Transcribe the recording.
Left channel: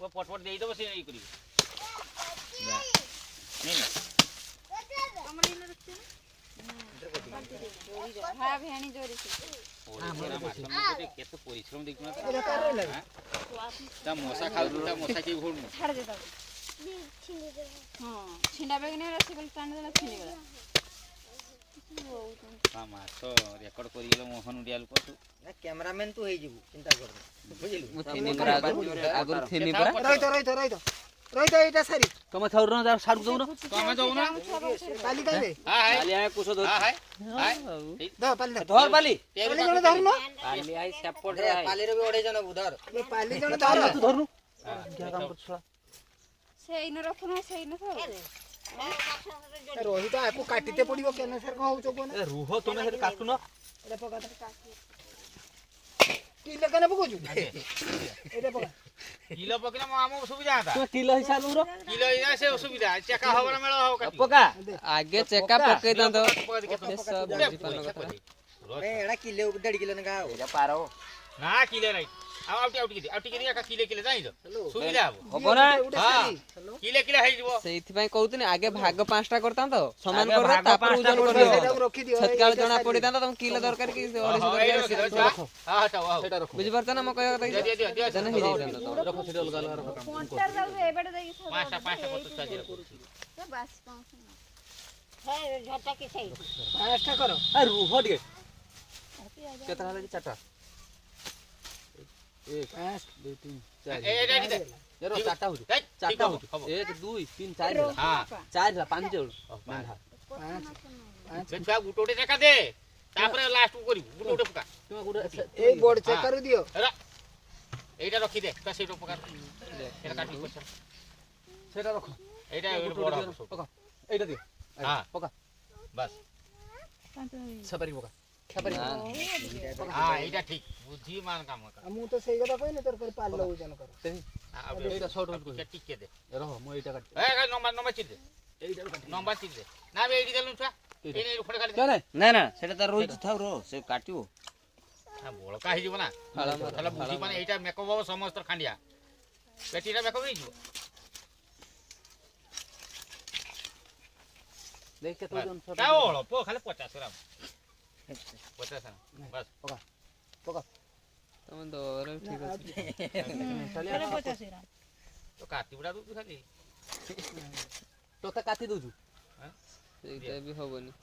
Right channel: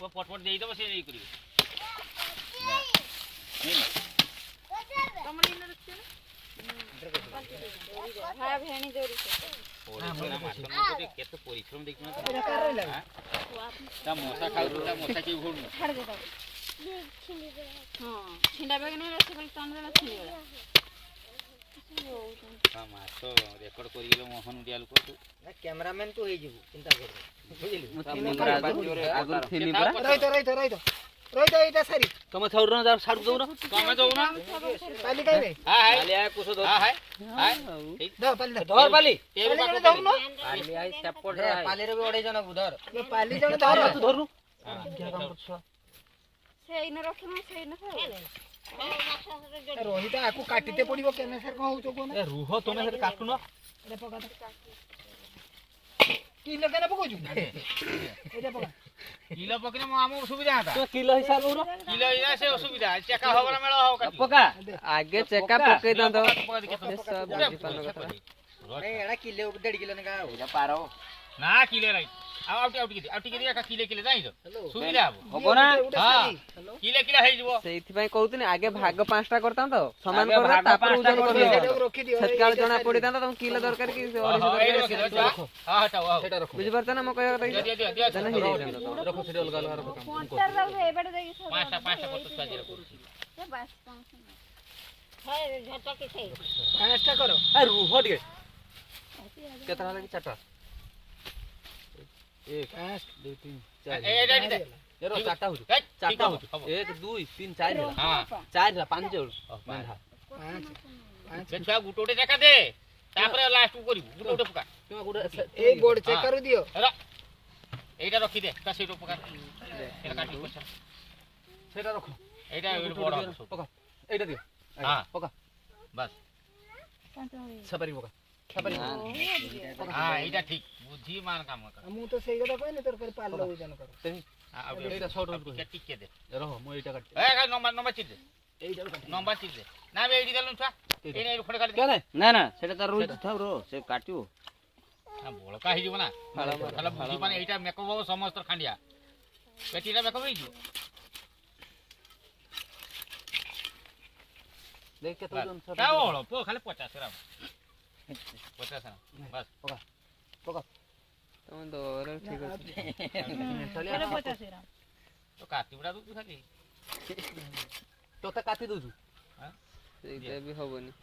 पटपट देई दबो से नहीं करी हां भेणी जोरी से केते परिश्रम देखि ना ता मौसा खाउ ता मौसा के घोड़ छाड़ दे दो हां छिंडा बेगने रसगुल कान दे छिंडा हां मासो रेकॉर्ड करिलो मोहन उडियाल को कैमरामैन तो होई जिवु चिंता कर बुझिली आगुर थिनी परा रहित एटा सारी तमे छौर न साडु दउ न तमे जाऊ ना पाली काइबे हां हाय आले कुछ दो हां हाय दो पाली धर पाली पाली जण धरु न पाली आई सेपट रे पाली रे भी ओडे जण धर ये पाली जण धर तू धरनु क्या काम करछ सेई न रखना सेई न रोहित आपको काटिते पड़िबो केने सर को होचो कोन ए रुह तमे से काटु न एटा पका किलो केने पकोजु एटा पका किलो पकिना मामो सुविधा था तो किलो हिसाब रो किलो इना से सुविधा चेका हो ना मेल हो काटी पका आगे चेका पके द दो पका दे ये सब बुझी पान कथा ए एड़ा किलो 1.5 किलो न का एजा पारो ना किलो राइट आउट की का किलो जाई दो सुविधा हो ना हां किलो हे जबो सेइथि भाई कहउतनी आगे भाग पांचटा करता तो समान कर तापर उजन कर रखी दियो छटकाल जना पड़ी ता तुम किलो दरकार की ओडी दरकार हां हटाओ सेटा रखो बुझी परता ना म कहया कथा दे जना ही रखो सेटा अलग अलग रखो पंटर रहू एबेड देगी सब पांचटा पत्ता साजी रखो से बस पांच है झटा के छै पांचटा करो ए रुह दिए केतना लगी चाटा 1 2 3 4 ए दे जरो चाटा हो 1 2 3 4 हां 4 5 मेंढा छुआ गुटोटे चका दे तापर लास्ट को करिवु गुटोटे पका तुम गुड ए बोर्ड चेक कर दियो अरे एटा रखी दे ता सेटो पका एटा काटी पैसा सेटा रखो एटा बड़ पका एटा दियो हां पका बस सपरी पका सपरी हां एटा ठीक बुद्धि मान काम कर मु तो सही कथा कहने तोर कर पाल लो जन कर तेही एटा शॉर्ट हो टिक के दे रहो मो एटा काट ए नंबर चिप दे एटा नंबर चिप दे ना बे एडी देलु छुआ एने खड़े खाली क्या रे ना ना सेटा त रोज थाउ रो से काटियो ना बोलका हि जीवना खाला बुद्धि माने एटा मेकअप बाबू समस्त खांडिया बेटीरा मेकअप नहीं जी देख के तो जन सब का ओळो पो खाली 50 ग्राम 50 ग्राम बस पका पका तुम दर ठीक है चलिए 50 ग्राम तो काटी बडा दू खाली तो का काटी दउ हां ସେଇଟା ବି ହବନି